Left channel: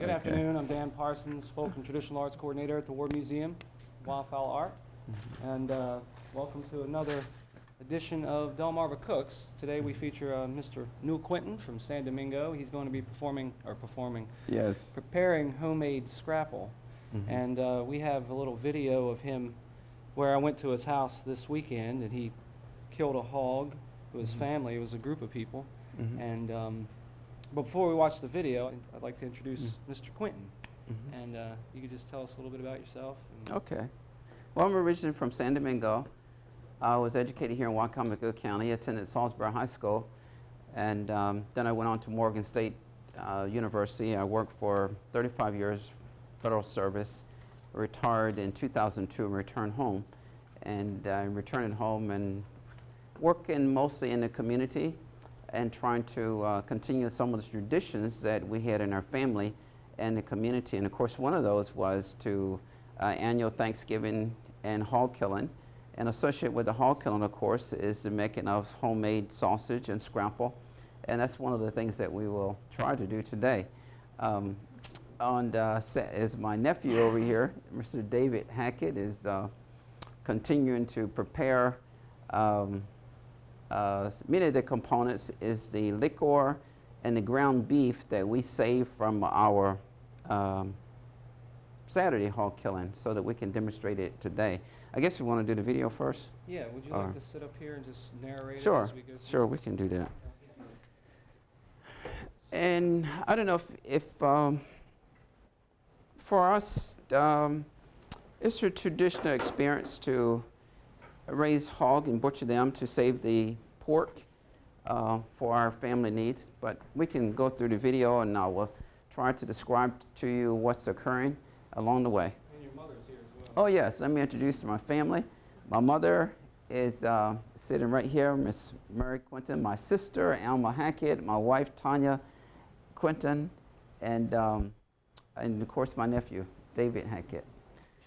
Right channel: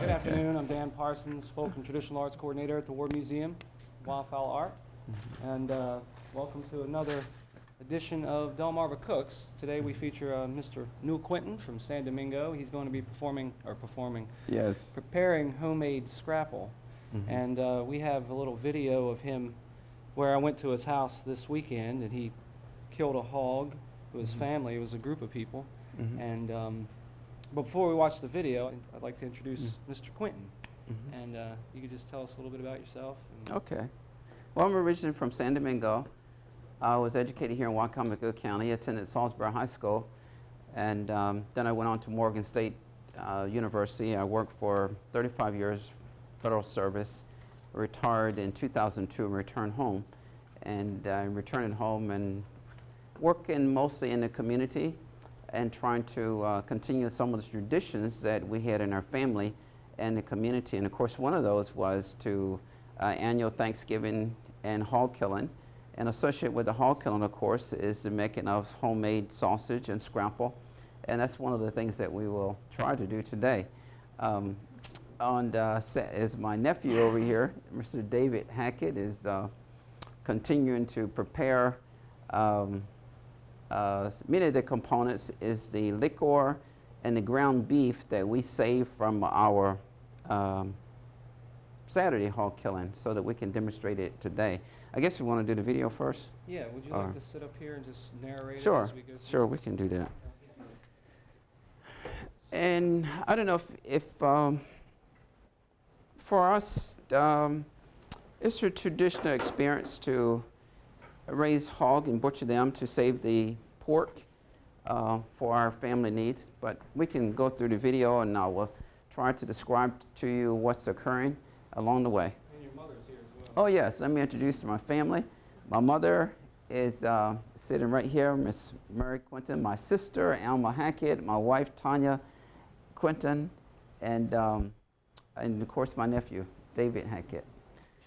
Good afternoon. I'm Dan Parsons, Folk and Traditional Arts Coordinator at the War Museum, Wildfowl Art. And welcome to another edition of Delmarva Cooks. Today we feature Mr. Newell Quinton from San Domingo. He's going to be preparing homemade scrapple. And we have a little video of him where I went to his house this weekend and he killed a hog with his family. It was a group of people. And but before we watch the video, I'd like to introduce Mr. Quinton. And you could just tell us a little bit about yourself. Okay. Well, I'm originally from San Domingo. I was educated here in Wacomico County, attended Salisbury High School, and then I went on to Morgan State University. I worked for 35 years federal service, retired in 2002 and returned home. And returning home and working mostly in the community and trying to continue some of the traditions that we had in our family and the community. And of course, one of those was to annual Thanksgiving and hog killing. And associated with the hog killing, of course, is the making of homemade sausage and scrapple. And that's one of the things that we will try to do today. Is my nephew over here, Mr. David Hackett, is continuing to prepare many of the components is the liquor and the ground beef that we save from our Saturday hog killing so that we can demonstrate it today. I guess we want to do the video first? Yeah, would you like to sit up here and just narrate sure, it as we go through? Sure, we can do that. And I don't know if for us, it's a traditional experience to raise hog and butcher them to save the pork for our family needs. But we can go through the video and I will try to describe to you what's occurring along the way. And your mother's here as well. Oh yes, let me introduce my family. My mother is sitting right here, Miss Mary Quinton, my sister, Alma Hackett, my wife, Tanya Quinton, and of course my nephew, David Hackett.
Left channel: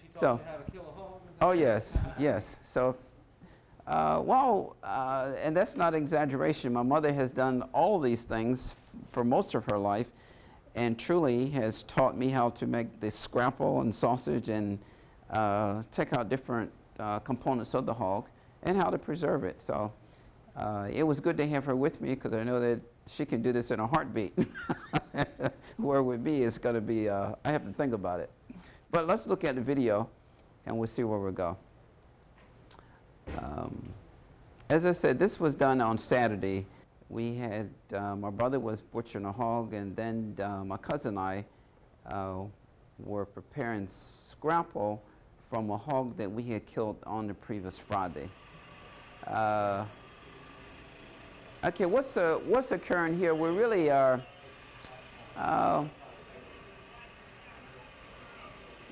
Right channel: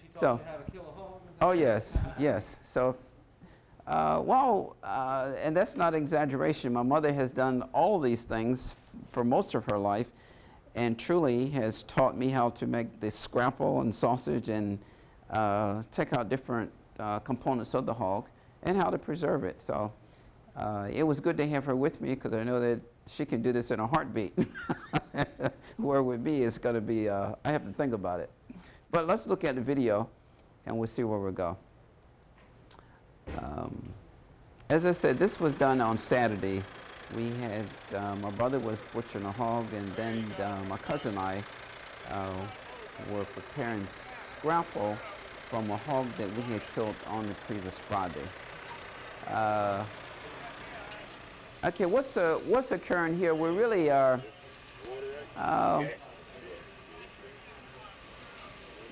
She taught you how to kill a hog? Oh yes, yes. So, and that's not exaggeration. My mother has done all these things for most of her life, and truly has taught me how to make the scrapple and sausage and take out different components of the hog and how to preserve it. So it was good to have her with me because I know that she can do this in a heartbeat. Where with me, it's going to be, I have to think about it. But let's look at the video and we'll see where we go. As I said, this was done on Saturday. We had, my brother was butchering a hog, and then my cousin and I were preparing scrapple from a hog that we had killed on the previous Friday. Okay, what's occurring here? We really are,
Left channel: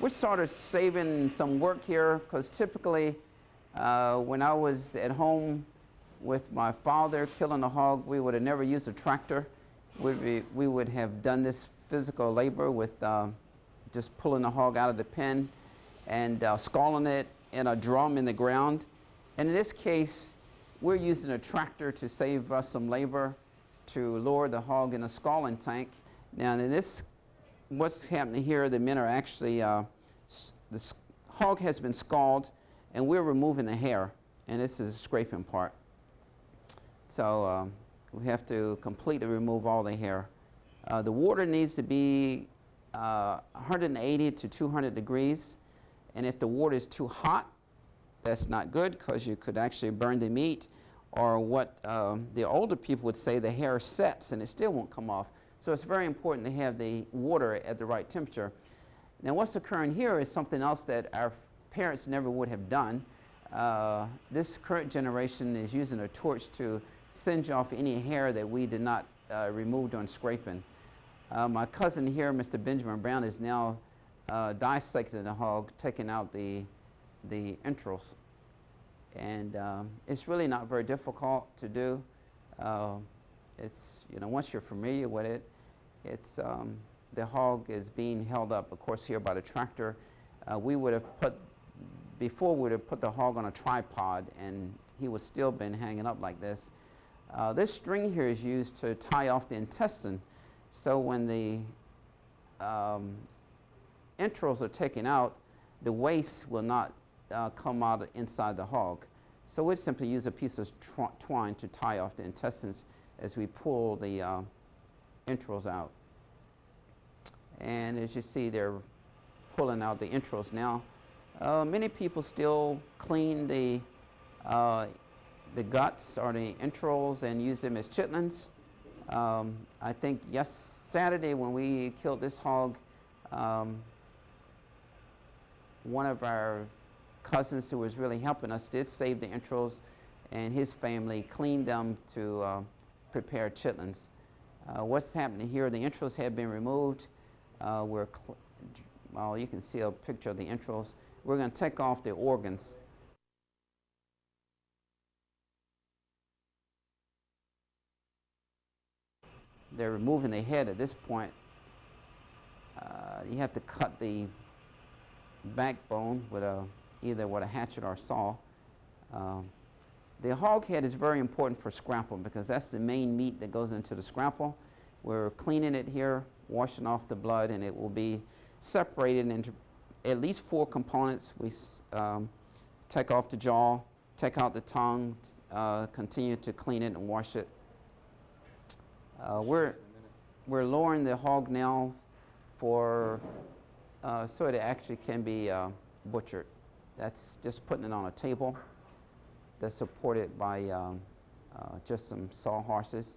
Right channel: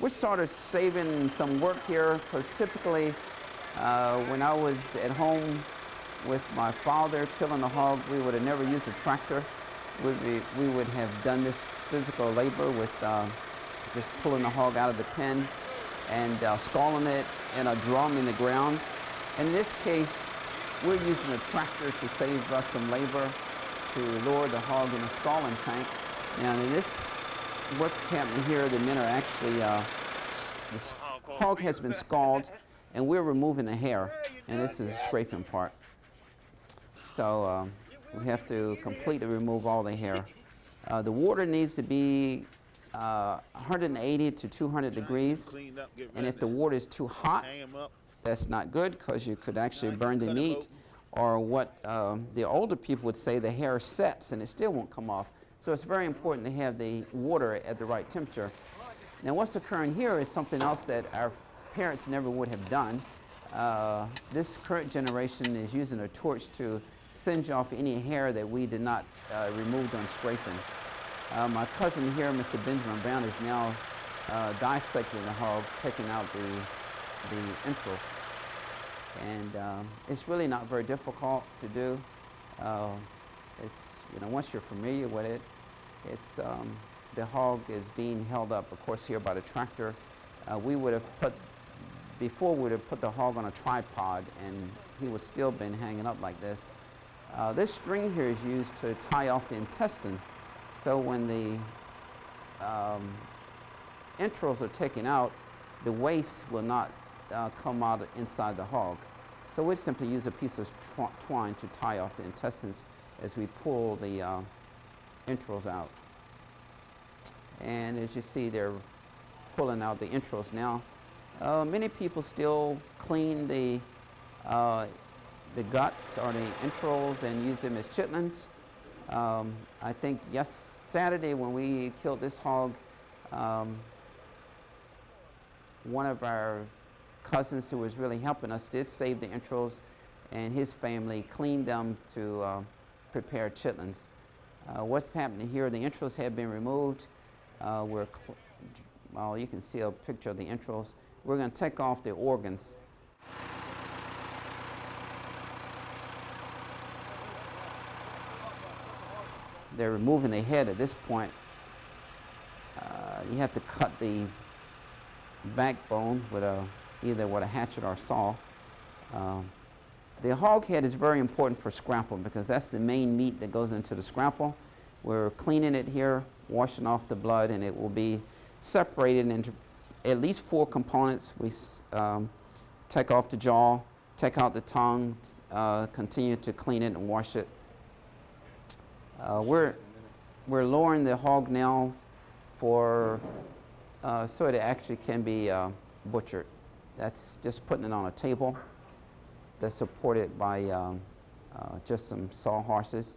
we're sort of saving some work here because typically when I was at home with my father killing a hog, we would have never used a tractor. We would have done this physical labor with just pulling the hog out of the pen and scalding it in a drum in the ground. And in this case, we're using a tractor to save us some labor to lower the hog in a scalding tank. Now in this, what's happening here, the men are actually, the hog has been scalded and we're removing the hair, and this is the scraping part. So we have to completely remove all the hair. The water needs to be 180 to 200 degrees, and if the water is too hot, that's not good because you could actually burn the meat, or what the older people would say, the hair sets and it still won't come off. So it's very important to have the water at the right temperature. Now what's occurring here is something else that our parents never would have done. This current generation is using a torch to singe off any hair that we did not remove during scraping. My cousin here, Mr. Benjamin Brown, is now dissecting the hog, taking out the entrails. And it's really not very difficult to do. It's, once you're familiar with it, it's, the hog is being held up, of course, here by the tractor. We would have before we would have put the hog on a tripod and he would still been hanging up like this. This string here is used to tie off the intestine. So when the um, entrails are taken out, the waste will not come out inside the hog. So we simply use a piece of twine to tie off the intestines as we pull the entrails out. And as you see, they're pulling out the entrails now. Many people still clean the guts or the entrails and use them as chitlins. I think Saturday when we killed this hog, one of our cousins who was really helping us did save the entrails, and his family cleaned them to prepare chitlins. What's happening here, the entrails have been removed. Well, you can see a picture of the entrails. We're going to take off the organs. They're removing the head at this point. You have to cut the backbone with either with a hatchet or saw. The hog head is very important for scrapple because that's the main meat that goes into the scrapple. We're cleaning it here, washing off the blood, and it will be separated into at least 4 components. We take off the jaw, take out the tongue, continue to clean it and wash it. We're lowering the hog now for so it actually can be butchered. That's just putting it on a table that's supported by just some sawhorses.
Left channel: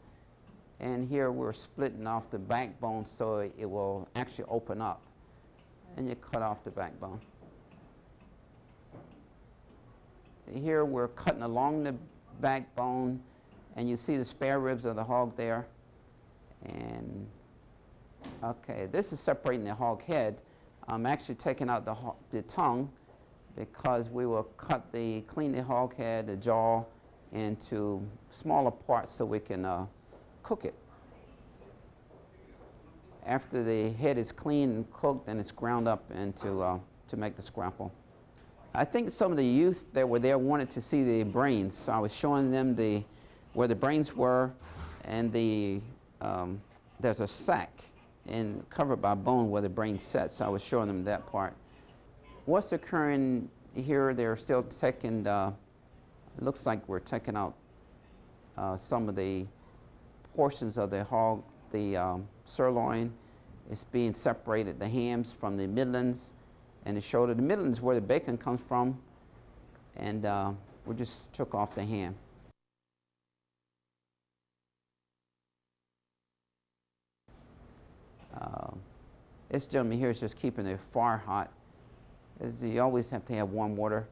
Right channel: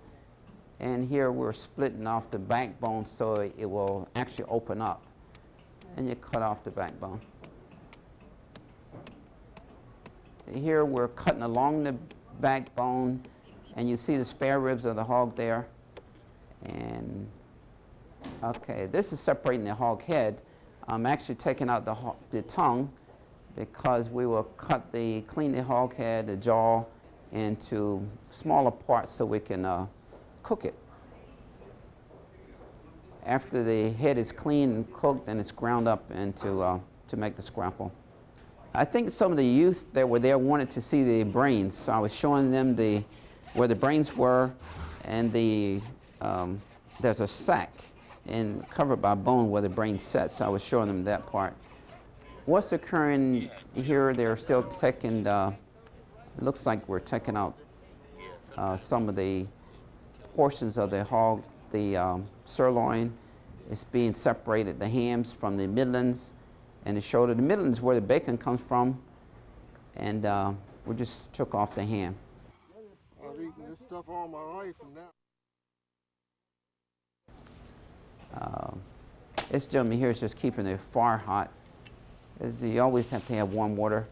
And here we're splitting off the backbone so it will actually open up. And you cut off the backbone. Here we're cutting along the backbone, and you see the spare ribs of the hog there. And okay, this is separating the hog head. I'm actually taking out the tongue because we will clean the hog head, the jaw, into smaller parts so we can cook it. After the head is cleaned and cooked, then it's ground up into to make the scrapple. I think some of the youth that were there wanted to see the brains, so I was showing them where the brains were, and there's a sack and covered by bone where the brain sets. So I was showing them that part. What's occurring here? They're still taking. It looks like we're taking out some of the portions of the hog. The sirloin is being separated, the hams from the middlings and the shoulder. The middlings is where the bacon comes from, and we just took off the ham. I've eaten this stuff all my life, and now. This gentleman here is just keeping the fire hot. As you always have to have warm water.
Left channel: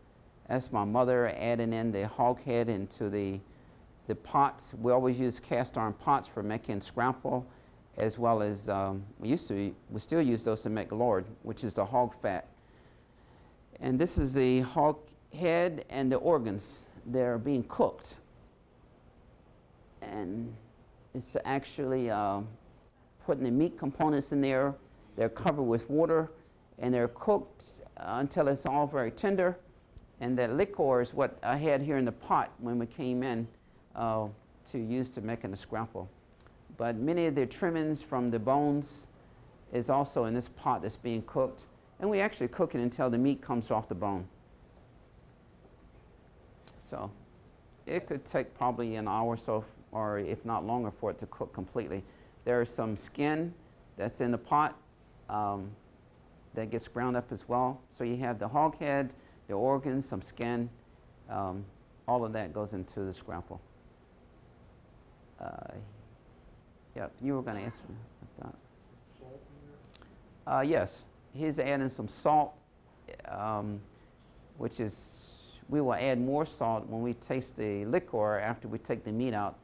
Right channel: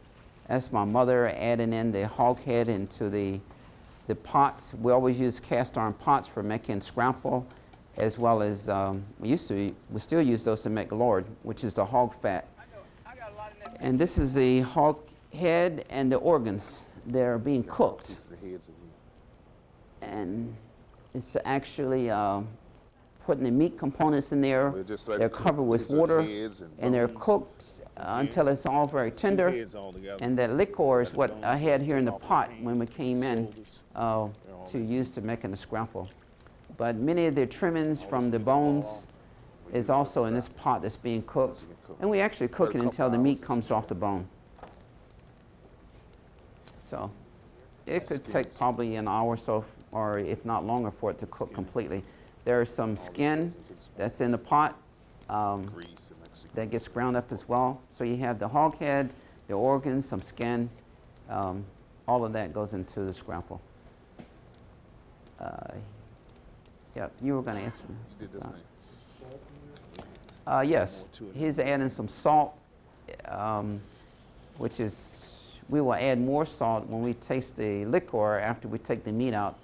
That's my mother adding in the hog head into the pots. We always use cast iron pots for making scrapple, as well as we still use those to make lard, which is the hog fat. And this is the hog head and the organs. They're being cooked. And it's actually putting the meat components in there. They're covered with water, and they're cooked until it's all very tender. And that liquor is what I had here in the pot when we came in to use to making the scrapple. But many of the trimmings from the bones is also in this pot that's being cooked. And we actually cook it until the meat comes off the bone. So it could take probably an hour or so, or if not longer, for it to cook completely. There's some skin that's in the pot that gets ground up as well. So you have the hog head, the organs, some skin. All of that goes into the scrapple. Yeah, you were going to ask me. Yes, he's adding some salt, which is, we will add more salt when we taste the liquor after we take the meat out.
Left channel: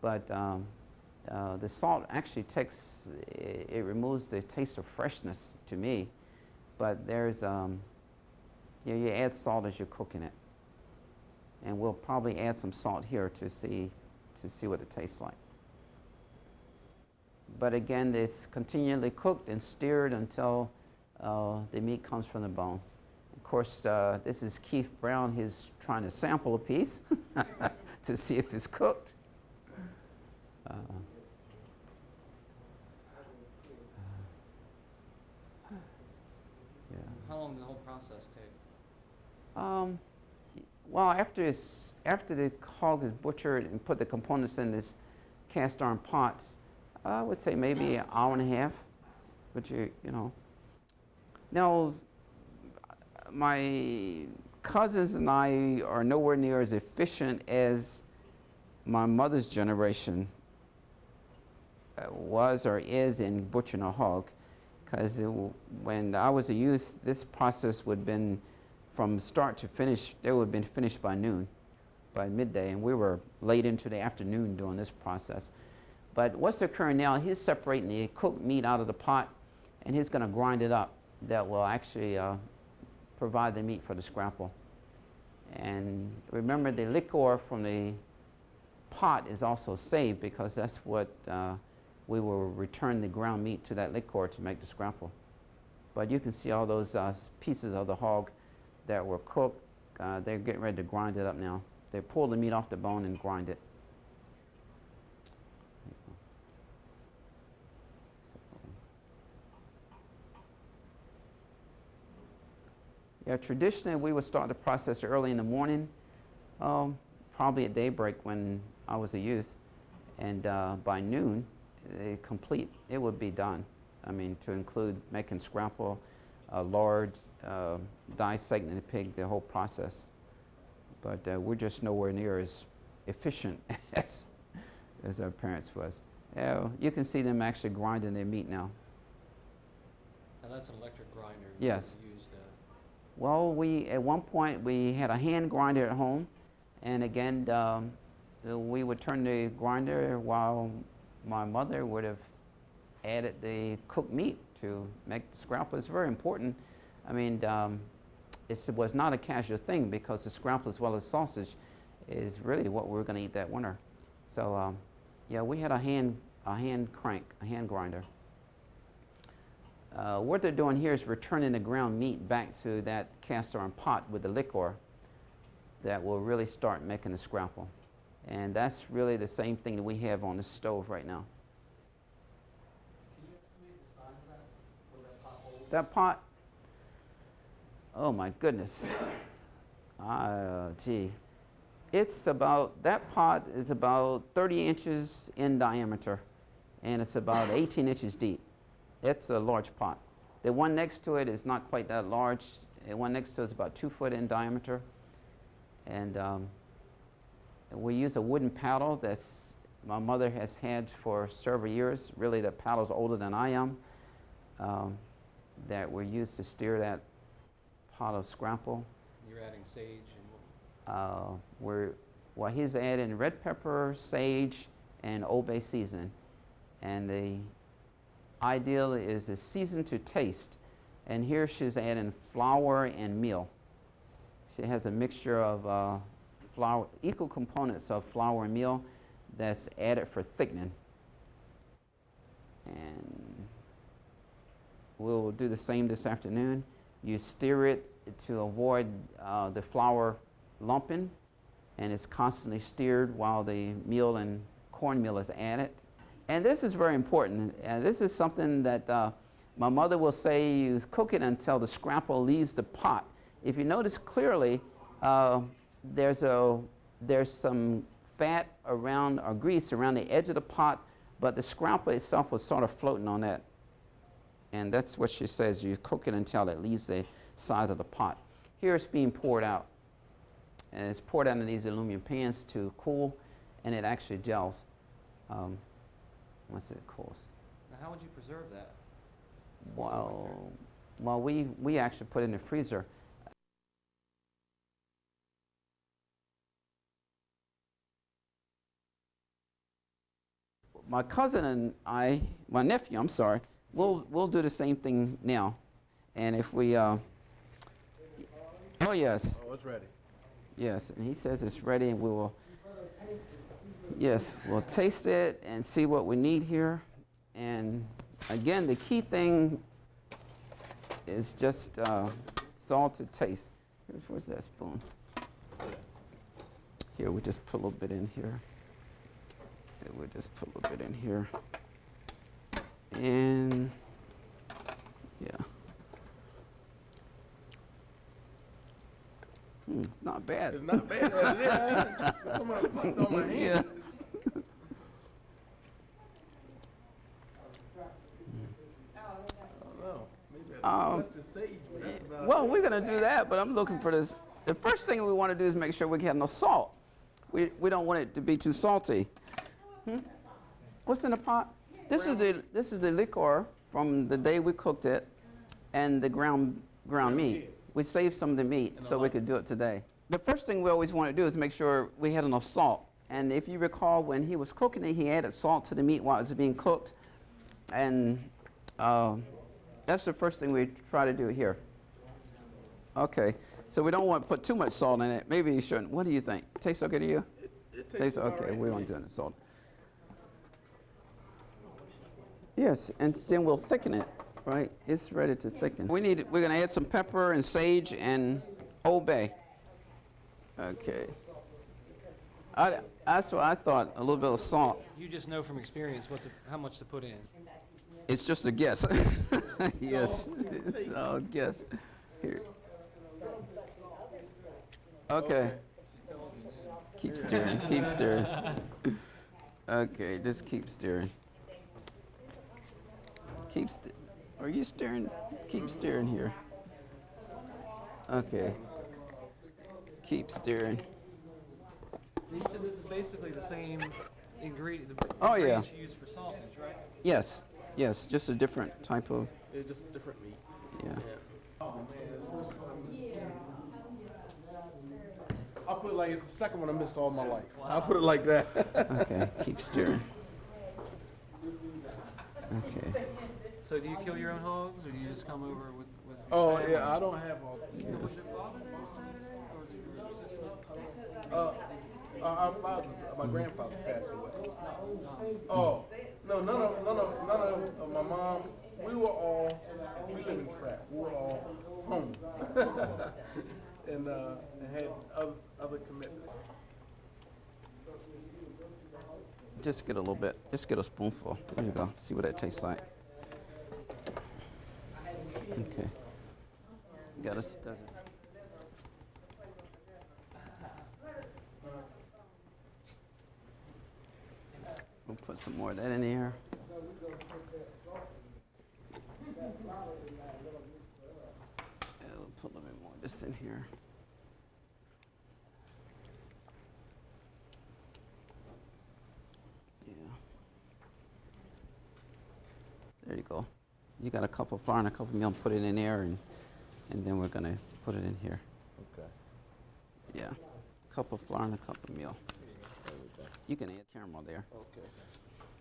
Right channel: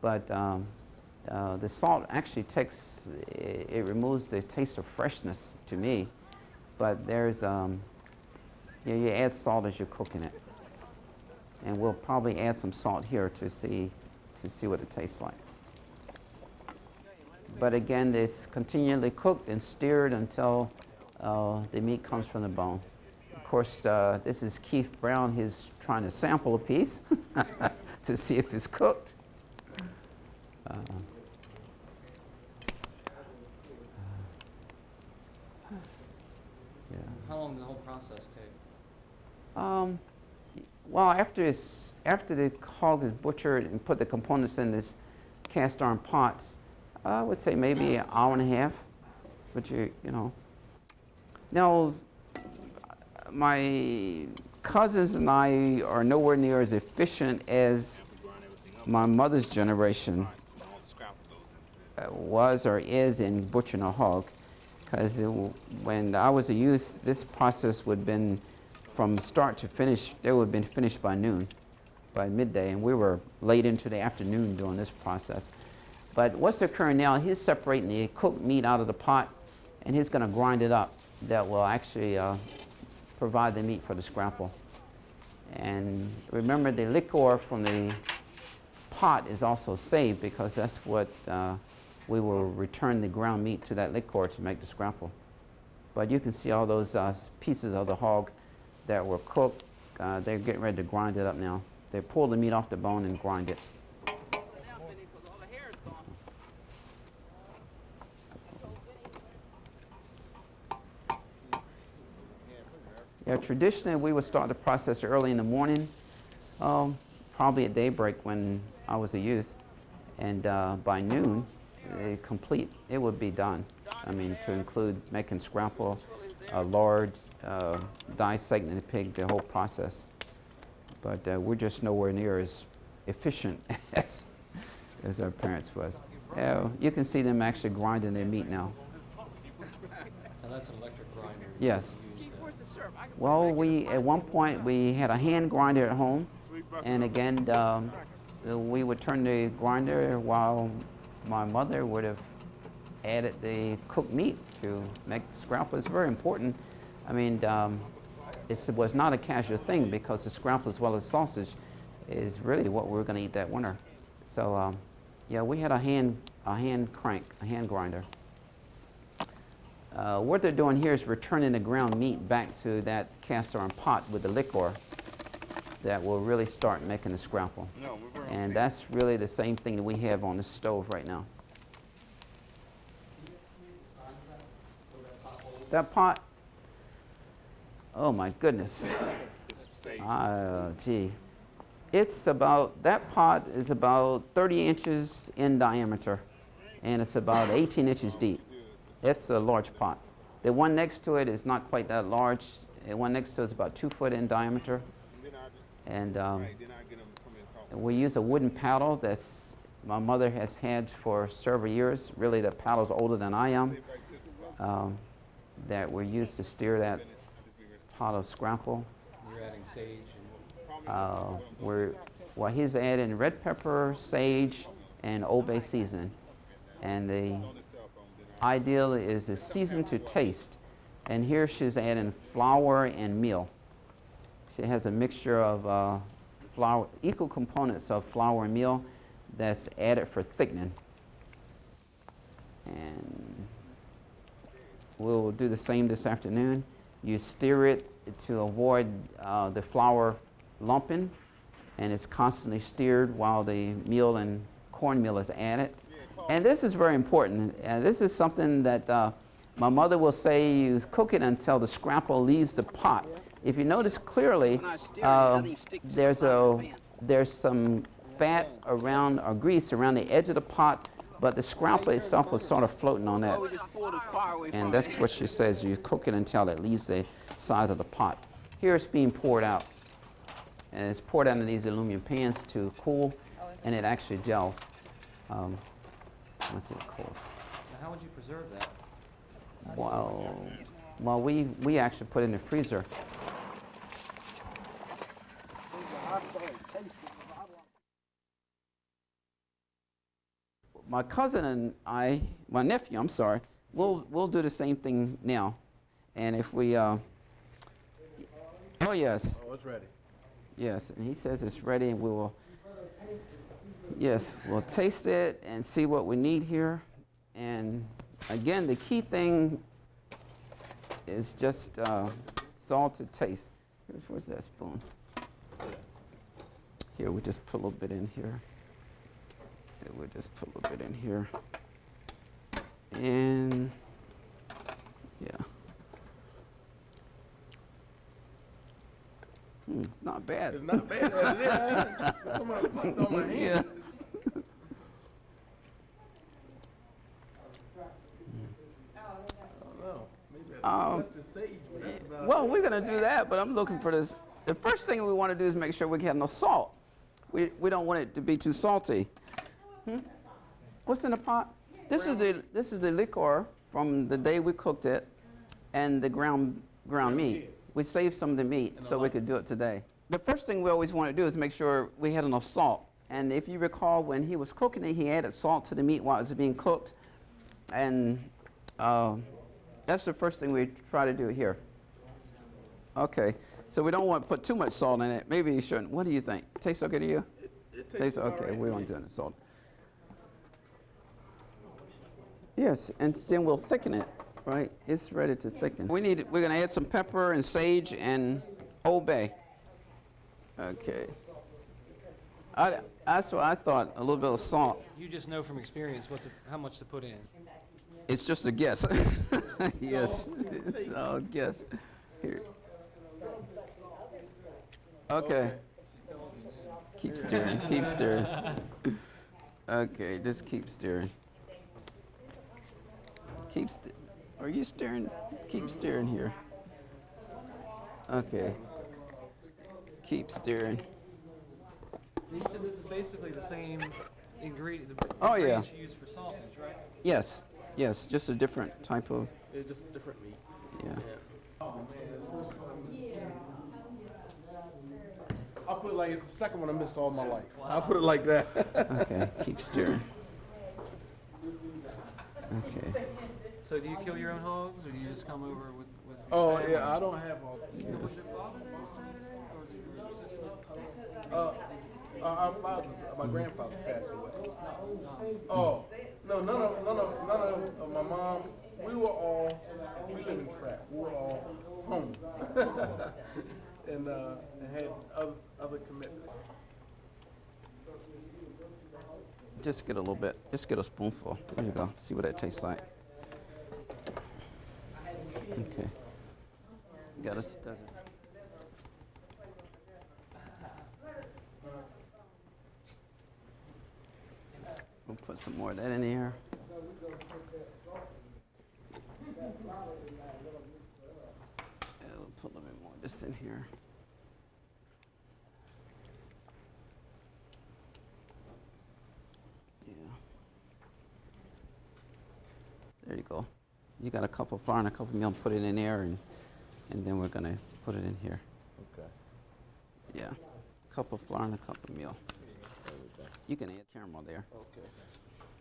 But the salt actually it removes the taste of freshness to me. But there's, you add salt as you're cooking it. And we'll probably add some salt here to see what it tastes like. But again, it's continually cooked and stirred until the meat comes from the bone. Of course, this is Keith Brown. He's trying to sample a piece to see if it's cooked. How long did the whole process take? Well, after the hog is butchered and put the components in this cast iron pots, I would say maybe an hour and a half. But you know. Now, my cousins and I are nowhere near as efficient as my mother's generation was or is in butchering a hog. Because when I was a youth, this process would have been from start to finish, they would have been finished by noon, by midday, and we were late into the afternoon doing this process. But what's occurring now, he's separating the cooked meat out of the pot, and he's going to grind it up. That will actually provide the meat for the scrapple. And remember, the liquor from the pot is also saved, because that's what we will return the ground meat to that liquor to make the scrapple. But you can see all those pieces of the hog that were cooked. They're getting ready to grind it up now. They pull the meat off the bone and grind it. Yeah, traditionally we would start the process early in the morning, probably at daybreak when I was a youth, and by noon, it would be done. I mean, to include making scrapple, lard, dissecting the pig, the whole process. But we're just nowhere near as efficient as our parents was. You can see them actually grinding their meat now. Now that's an electric grinder. Yes. Well, at one point we had a hand grinder at home, and again we would turn the grinder while my mother would have added the cooked meat to make the scrapple. It's very important. I mean, it was not a casual thing, because the scrapple as well as sausage is really what we were going to eat that winter. So yeah, we had a hand grinder. What they're doing here is returning the ground meat back to that cast iron pot with the liquor that will really start making the scrapple. And that's really the same thing that we have on the stove right now. That pot, oh my goodness. Gee. That pot is about 30 inches in diameter, and it's about 18 inches deep. It's a large pot. The one next to it is not quite that large. The one next to it is about 2 foot in diameter. And we use a wooden paddle that's my mother has had for several years. Really, the paddle's older than I am. That we use to steer that pot of scrapple. You're adding sage and he's adding red pepper, sage, and Old Bay seasoning. And the ideal is a season to taste. And here she's adding flour and meal. She has a mixture of equal components of flour and meal that's added for thickening. And we'll do the same this afternoon. You stir it to avoid the flour lumping, and it's constantly stirred while the meal and cornmeal is added. And this is very important. This is something that my mother will say, you cook it until the scrapple leaves the pot. If you notice clearly, there's some fat around, or grease around the edge of the pot, but the scrapple itself was sort of floating on that. And that's what she says, you cook it until it leaves the side of the pot. Here it's being poured out. And it's poured out in these aluminum pans to cool, and it actually gels. What's it called? How would you preserve that? Well, we actually put it in the freezer. My cousin and I, my nephew, I'm sorry, we'll do the same thing now. And if we, oh yes. Oh, it's ready. Yes, and he says it's ready, and we will, yes, we'll taste it and see what we need here. And again, the key thing is just salt to taste. Where's that spoon? Here, we just put a little bit in here. We'll just put a little bit in here. And yeah. It's not bad. It's not bad, but yeah, somebody popped on my hand. Yeah. Well, we're gonna do that, but I'm looking for this. The first thing we want to do is make sure we get no salt. We don't want it to be too salty. What's in the pot? This is the liquor from the day we cooked it, and the ground meat. We saved some of the meat so we could do it today. The first thing we always want to do is make sure we had enough salt. And if you recall, when he was cooking it, he added salt to the meat while it was being cooked, and that's the first thing we try to do here. Okay, so we don't want to put too much salt in it. Maybe you shouldn't. What do you think? Tastes okay to you? It tastes okay. right. We won't do any salt. Yes, and then we'll thicken it. Right, it's ready to thicken. We're gonna add some pepper and sage and Old Bay. Okay. That's what I thought. A little bit of salt. You just know from experience how much to put in. It's just a guess. Yes. So guess. Here. Okay. Keep stirring. Keep stirring. Okay, just keep stirring. Are you stirring? Keep stirring here. Okay. Keep stirring. You said this is basically the same ingredient. Oh, yeah. You use for sausage, right? Yes. Yes. Just a different type of. It's just different meat. Yeah. I'll put it like it's the second one I missed all my life. I'll put it like that. Okay. Keep stirring. Okay. So do you kill your own hogs, or do you just come over with Oh family? yeah, I don't have all. Was your father there Saturday, or was it your sister? Our father, my grandfather passed away. Oh, no, none of my mom. We live in trap. We were all home, and had other commitments. Just get a little bit. Just get a spoonful. There you go. See what that tastes like. Okay. You gotta stir it. We'll put some more of that in here. And we'll put a little bit more of this in here. Yeah. There you go. You got a cup of flour and a cup of milk, put it in there, and then we're gonna put it in here. Okay. Yeah. A cup of flour and a cup of milk. You can add caramel there. Okay.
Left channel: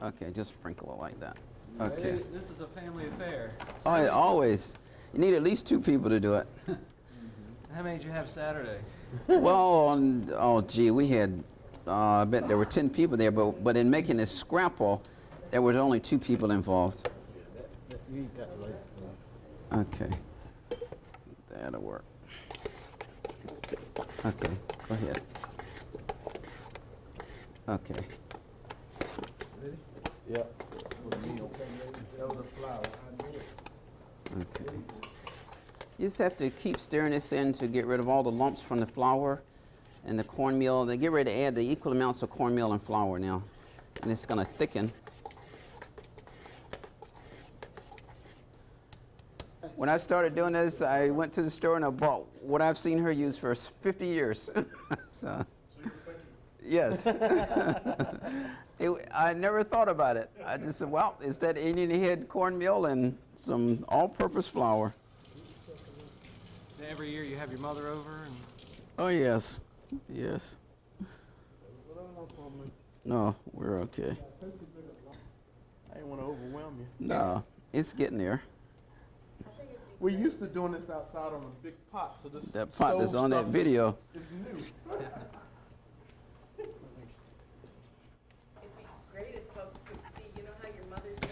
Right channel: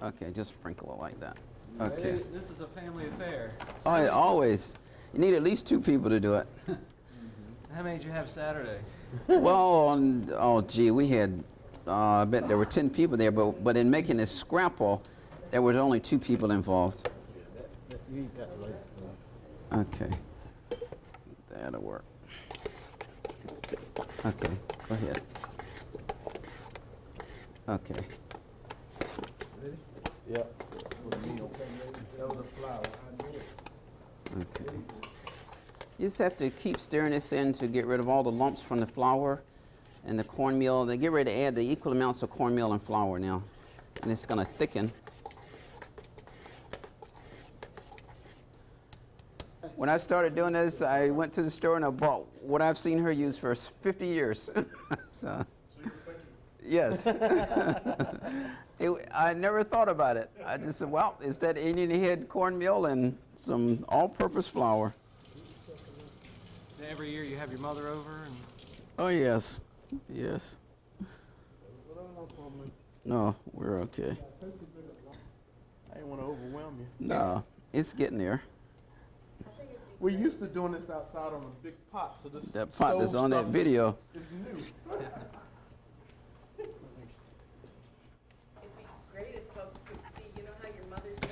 Okay, just sprinkle it like that. Okay. This is a family affair. Oh, yeah, always. You need at least 2 people to do it. How many did you have Saturday? Well, we had, I bet there were 10 people there, but in making this scrapple, there were only 2 people involved. Okay. That'll work. Okay, go ahead. Okay. Yeah. Okay. You just have to keep stirring this in to get rid of all the lumps from the flour and the cornmeal. They get ready to add the equal amounts of cornmeal and flour now, and it's going to thicken. When I started doing this, I went to the store and I bought what I've seen her use for 50 years. So, yes. I never thought about it. I just said, well, it's that Indian head cornmeal and some all-purpose flour. And every year you have your mother over, and Oh, yes. Yes. No, we're okay. I didn't want to overwhelm you. No, it's getting there. We're used to doing this outside on a big pot, so this That pot that's stove on that stuff video. is new. It'd be great if folks could see, you know how your mother says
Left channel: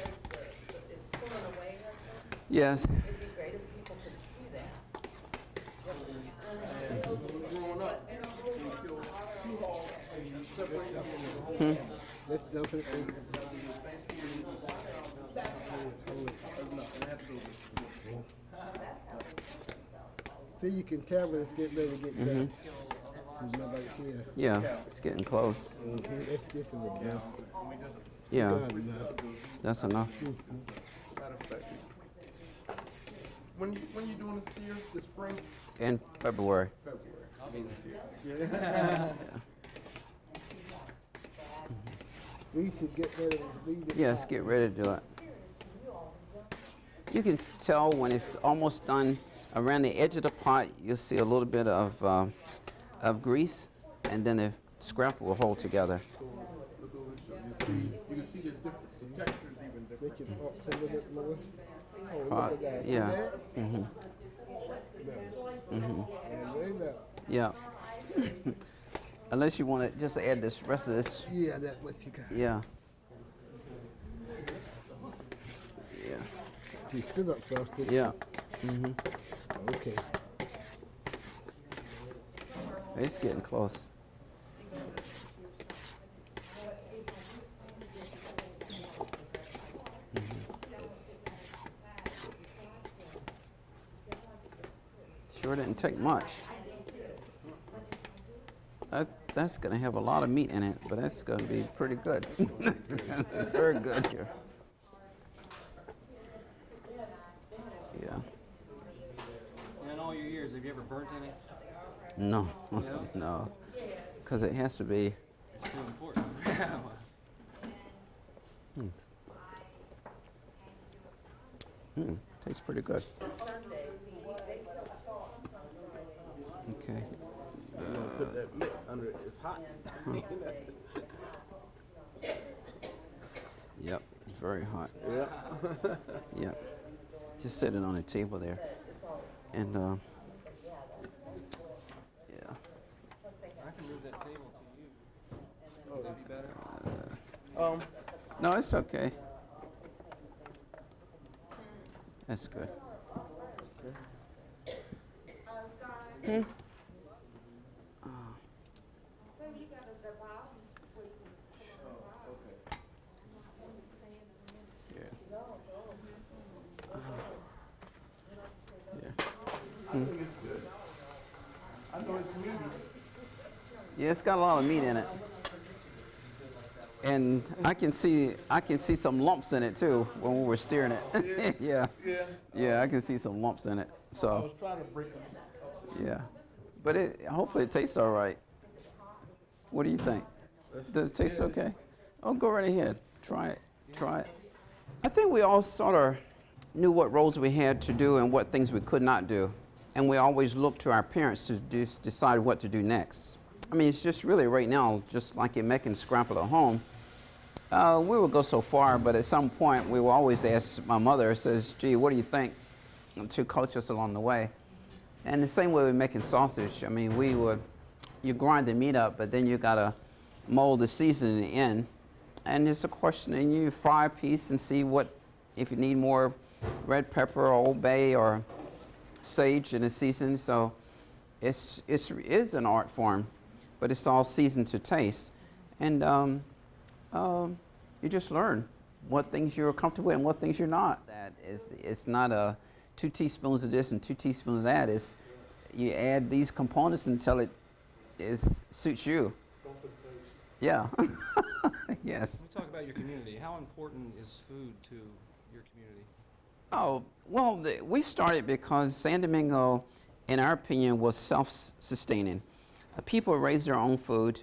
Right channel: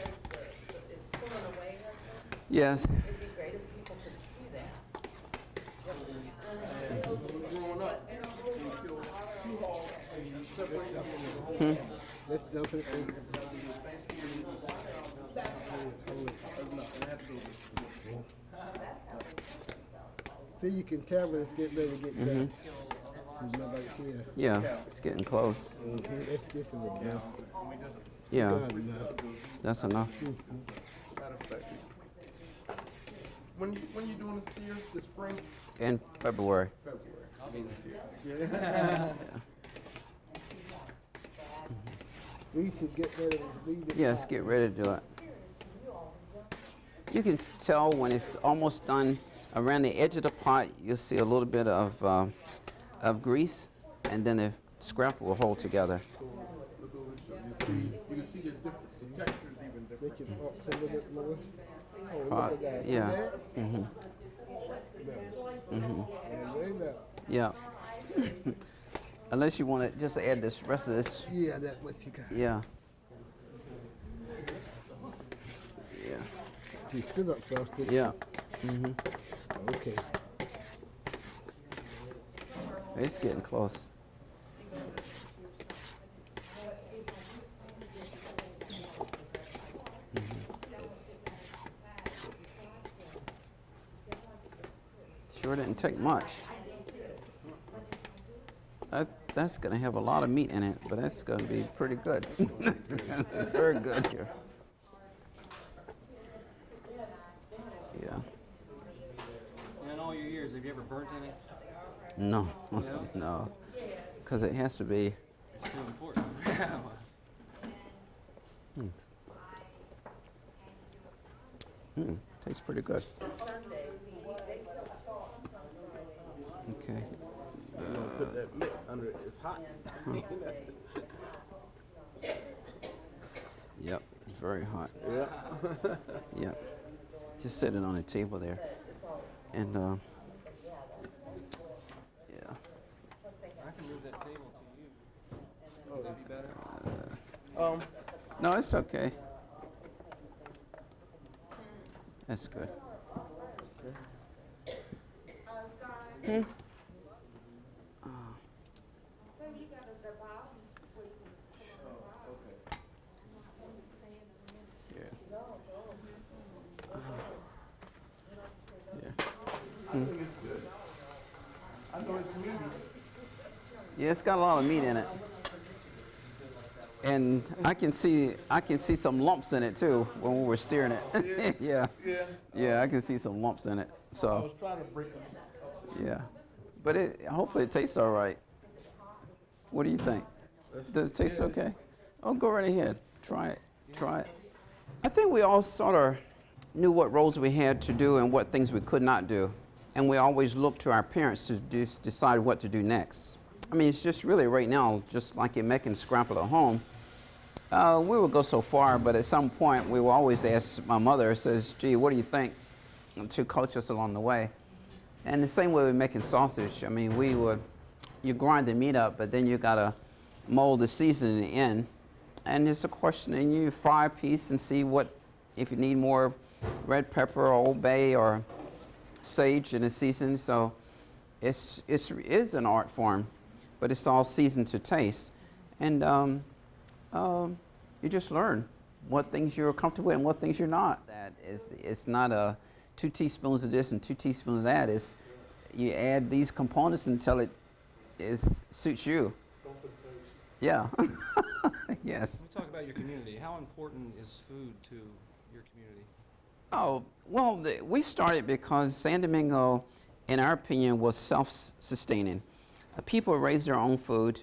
it's pulling away like that? Yes. It'd be great if people could see that. Growing up, you kill 2 hogs and you separate them. Let's jump it. See, you can tell when it's getting ready to get done. There's nobody here. Yeah, it's getting close. It's just enough. Yeah, Done now. that's enough. Matter of fact, when you doing this year, this spring? In February. February. I'll be this year. We should get ready to leave it. Yes, get ready to do it. You can tell when it's almost done. Around the edge of the pot, you'll see a little bit of grease, and then the scrapple will hold together. Look over the show. You can see the difference. The texture is even different. Get your pumps a little bit lower. Oh, Pot, look at that. yeah. See Mhm. that? Mhm. And right now. Yeah. Unless you want to just add this rest of this. Yeah, that's what you got. Yeah. You still not frosted. Yeah. Mhm. Okay. It's getting close. Sure didn't take much. That's gonna have a lot of meat in it, but that's gonna be pretty good. Very good here. Yeah. And in all your years, have you ever burnt any? No. No? No. Because it has to be. It's too important. Tastes pretty good. Okay. Put that mitt under it. It's hot. Yep. It's very hot. Yeah. Yep. Just set it on the table there. And yeah. I can move that table to you. Would that be better? No, it's okay. That's good. I know it's meaty. Yeah, it's got a lot of meat in it. And I can see some lumps in it too when we were steering it. Yeah. Yeah. Yeah, I can see some lumps in it. I So, was trying to break them up. yeah. But hopefully it tastes all right. What do you think? Does it taste okay? Oh, go right ahead. Try it. Try it. I think we all sort of knew what roles we had to do and what things we could not do. And we always looked to our parents to decide what to do next. I mean, it's just really right now, just like in making Scrapple at home, we would go so far, but at some point we will always ask my mother, says, gee, what do you think? To coach us along the way. And the same way with making sausage. I mean, you grind the meat up, but then you gotta mold the seasoning in. And it's a question, and you fry a piece and see if you need more red pepper or Old Bay or sage in the season. So it is an art form, but it's all seasoned to taste. And you just learn what things you're comfortable with and what things you're not. It's not a 2 teaspoons of this and 2 teaspoons of that. It's you add these components until it suits you. Yeah. Yes. We talk about your community. How important is food to your community? Oh, well, we started because San Domingo, in our opinion, was self-sustaining. People raised their own food,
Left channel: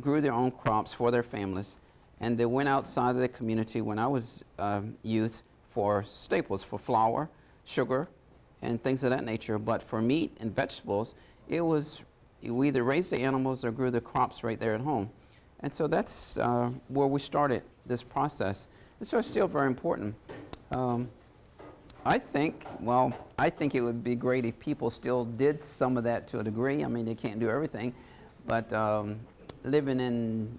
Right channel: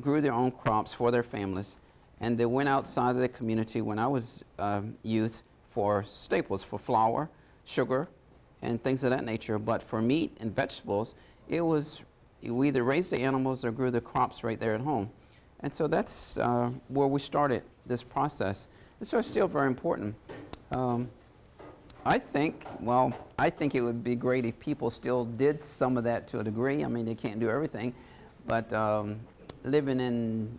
grew their own crops for their families, and they went outside of the community when I was youth for staples, for flour, sugar, and things of that nature. But for meat and vegetables, we either raised the animals or grew the crops right there at home. And so that's where we started this process. And so it's still very important. I think it would be great if people still did some of that to a degree. I mean, they can't do everything, but living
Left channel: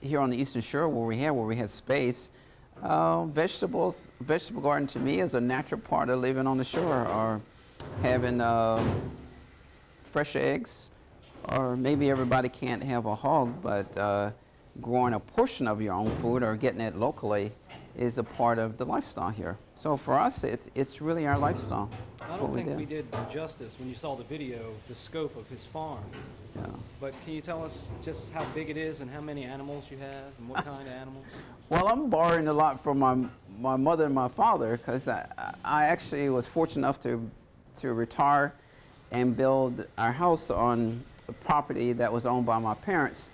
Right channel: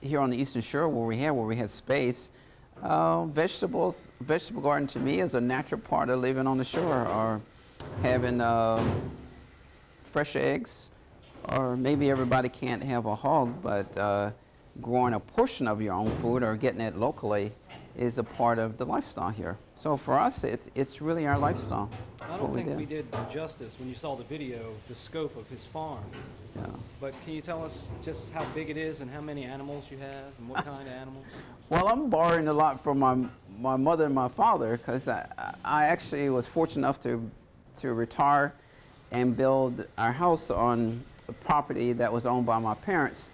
here on the Eastern Shore where we had space, vegetable garden to me is a natural part of living on the shore, or having fresh eggs, or maybe everybody can't have a hog, but growing a portion of your own food or getting it locally is a part of the lifestyle here. So for us, it's really our lifestyle. I That's don't what think we do. did justice when you saw the video, the scope of his farm. Yeah. But can you tell us just how big it is and how many animals you have and what kind of animals? Well, I'm borrowing a lot from my mother and my father because I actually was fortunate enough to retire and build our house on a property that was owned by my parents.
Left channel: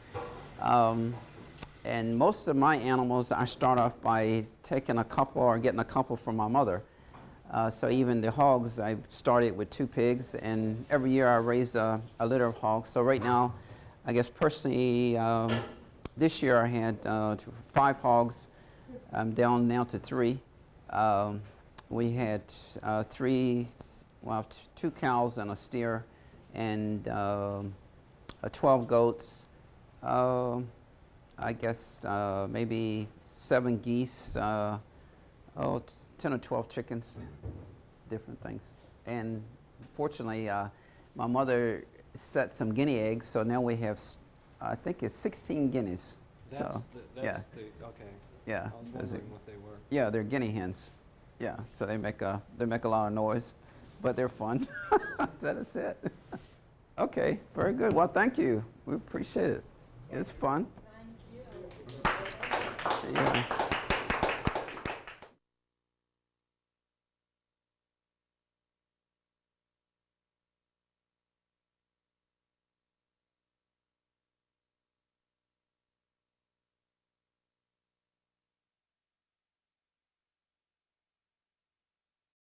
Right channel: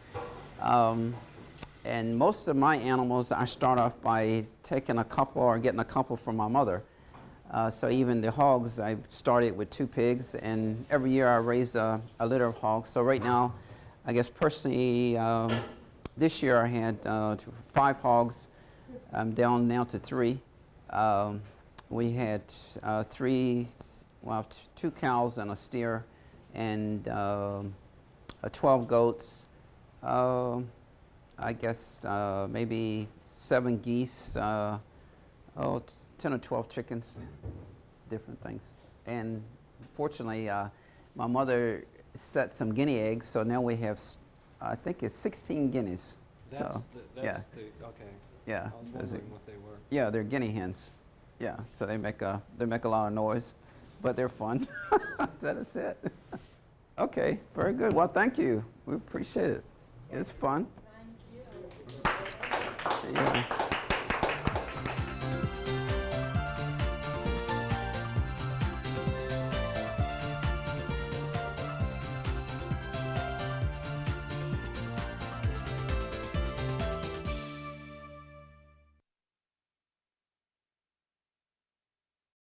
And most of my animals, I start off by taking a couple or getting a couple from my mother. So even the hogs, I started with 2 pigs, and every year I raise a litter of hogs. So right now, I guess personally, this year I had 5 hogs. I'm down now to 3. We had 2 cows and a steer, and 12 goats. I guess maybe 7 geese, 10 or 12 chickens, different things. And fortunately, my mother set some guinea eggs, so now we have, I think it's 16 guineas. That's So, yeah, okay. yeah. I was wondering what they were. Yeah, they're guinea hens. Yeah, so they make a lot of noise, but they're fun. That's it. Okay, very good. Well, thank you. We appreciate it. It's fun. Thank you.